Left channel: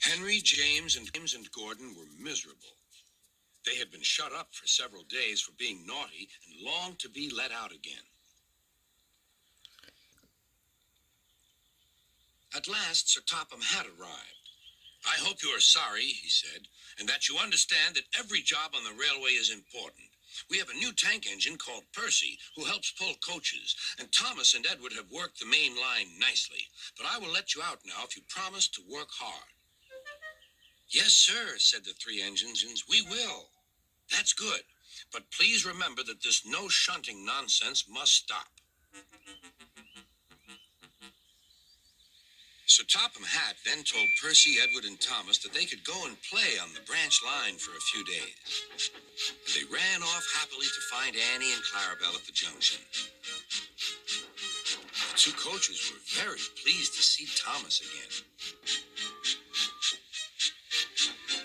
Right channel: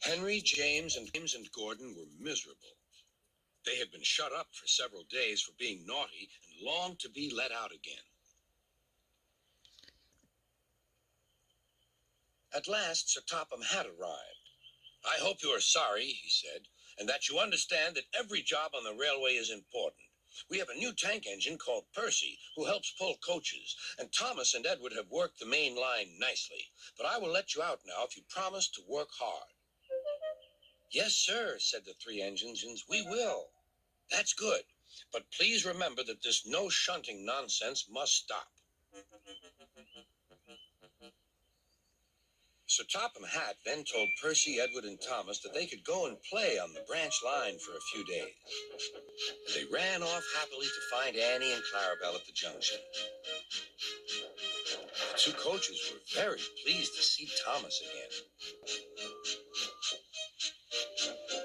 Henry, James, and Gordon were miserable. They had been shut up for several days for being naughty and longed to be let out again. At last, Sir Topham had arrived. "I hope you are sorry," he said, "and that you understand that every job on the railway is important. We have a new tank engine called Percy, who helps pull coaches, and Thomas and Edward have worked the main line nicely. But I will let you out now if you promise to work hard." "Yes, sir," said the three engines. "We will." "That's good. But please remember that this no shunting nonsense must stop." Sir Topham Hatt then told Percy, Edward, and Thomas that they could go and play on the branch line for a few days. And they ran off happily to find Annie and Clarabelle at the junction. The two coaches were very pleased to see Thomas again.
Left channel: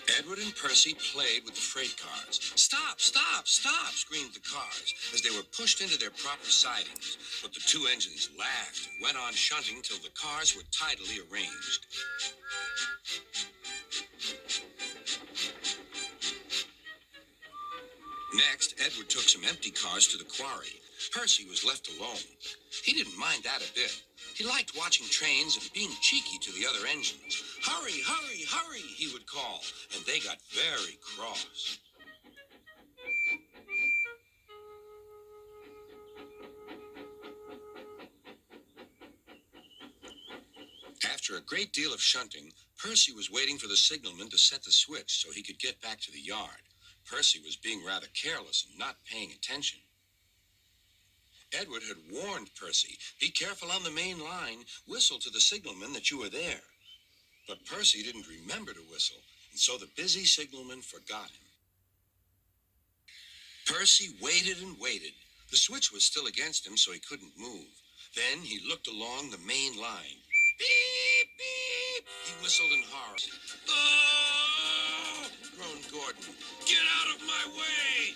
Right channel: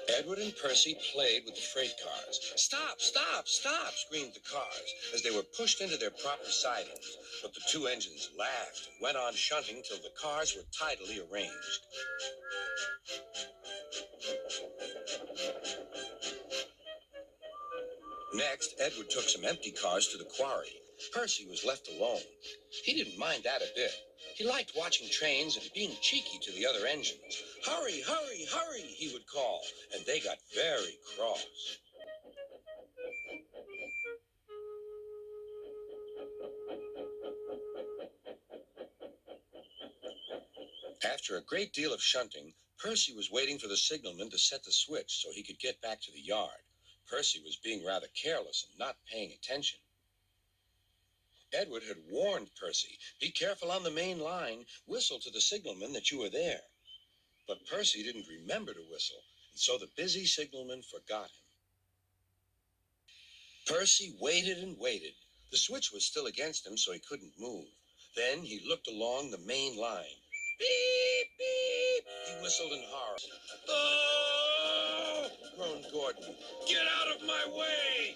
Edward and Percy played with the freight cars. "Stop, stop, stop," screamed the cars as they were pushed into their proper sidings. But the two engines laughed and went on shunting till the cars were tidily arranged. Next, Edward took some empty cars to the quarry. Percy was left alone. He didn't mind that a bit. He liked watching trains and being cheeky to the other engines. "Hurry, hurry, hurry," he would call, and they got very cross. After a great deal of shunting, Percy was waiting for the signalman to set the switch so he could get back to the yard. Percy was being rather careless and not paying attention. Edward had warned Percy, "Be careful on the main line. Whistle to the signalman that you are there." But Percy didn't remember to whistle, and so the busy signalman forgot him. Percy waited and waited. The switch was still against him, so he couldn't move. Then he looked along the main line. "Beep, beep," he whistled in horror. "Oh!" groaned Gordon. "Get out of my way!"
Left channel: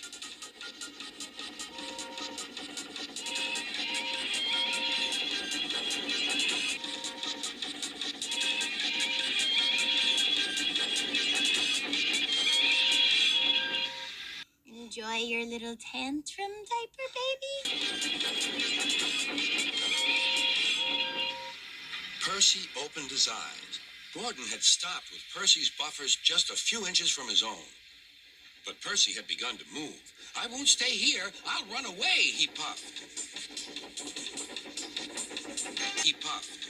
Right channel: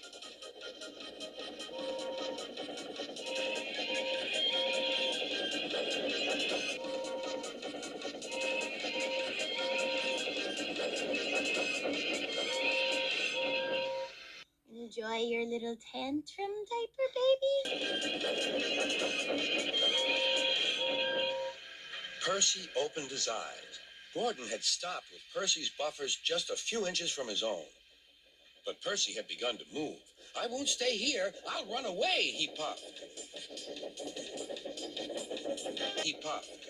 Enjoy your little tantrum, diaper baby? Percy opened his eyes. Gordon had stopped with Percy's buffers just a few inches from his own. But Percy had begun to move. "I won't stay here. I'll run away," he puffed. He puffed.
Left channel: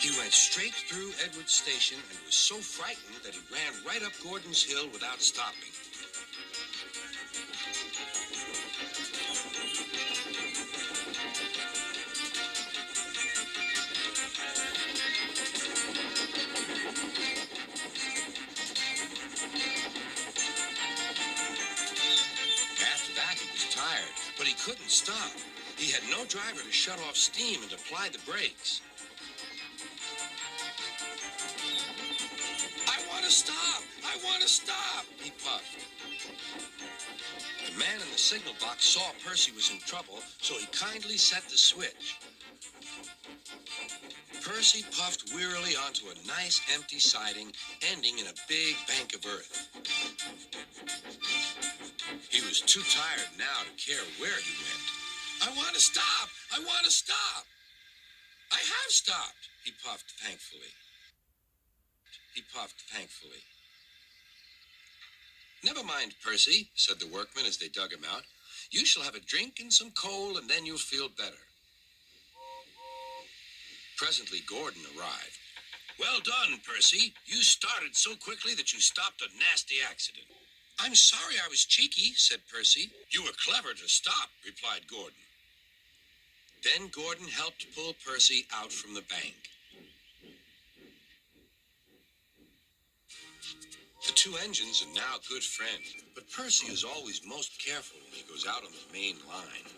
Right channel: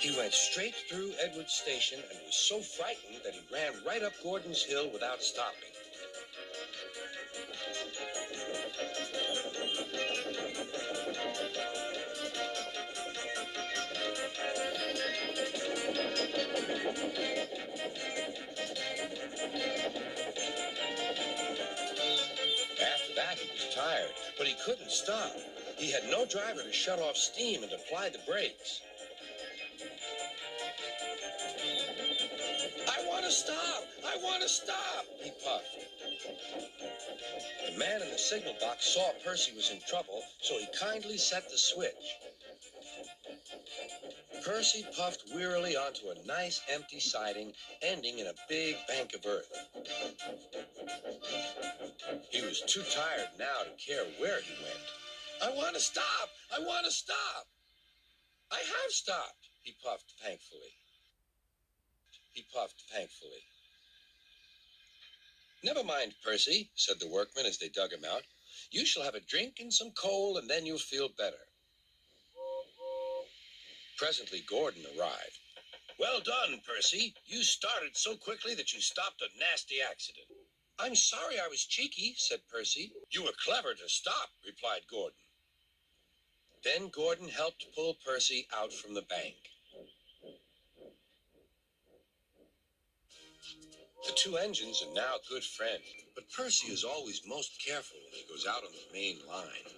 He went straight through Edward's station and was so frightened that he ran right up Gordon's hill without stopping. After that, he was tired, but he couldn't stop. He had no driver to shut off steam and apply the brakes. "I want to stop! I want to stop!" he puffed. The man in the signal box saw Percy was in trouble, so he kindly set the switch. Percy puffed wearily onto a nice empty siding, ending in a big bank of earth. He was too tired now to care where he went. "I want to stop! I want to stop!" "I have stopped," he puffed thankfully. "Never mind, Percy," said the workmen as they dug him out. "You shall have a drink and some coal, and then you'll feel better." Presently, Gordon arrived. "Well done, Percy. You started so quickly that you stopped a nasty accident." "I'm sorry I was cheeky," said Percy. "You were clever to stop," replied Gordon. Then Gordon helped pull Percy out from the bank. The two engines are now good friends, but Percy is always most careful when he goes out on the main line.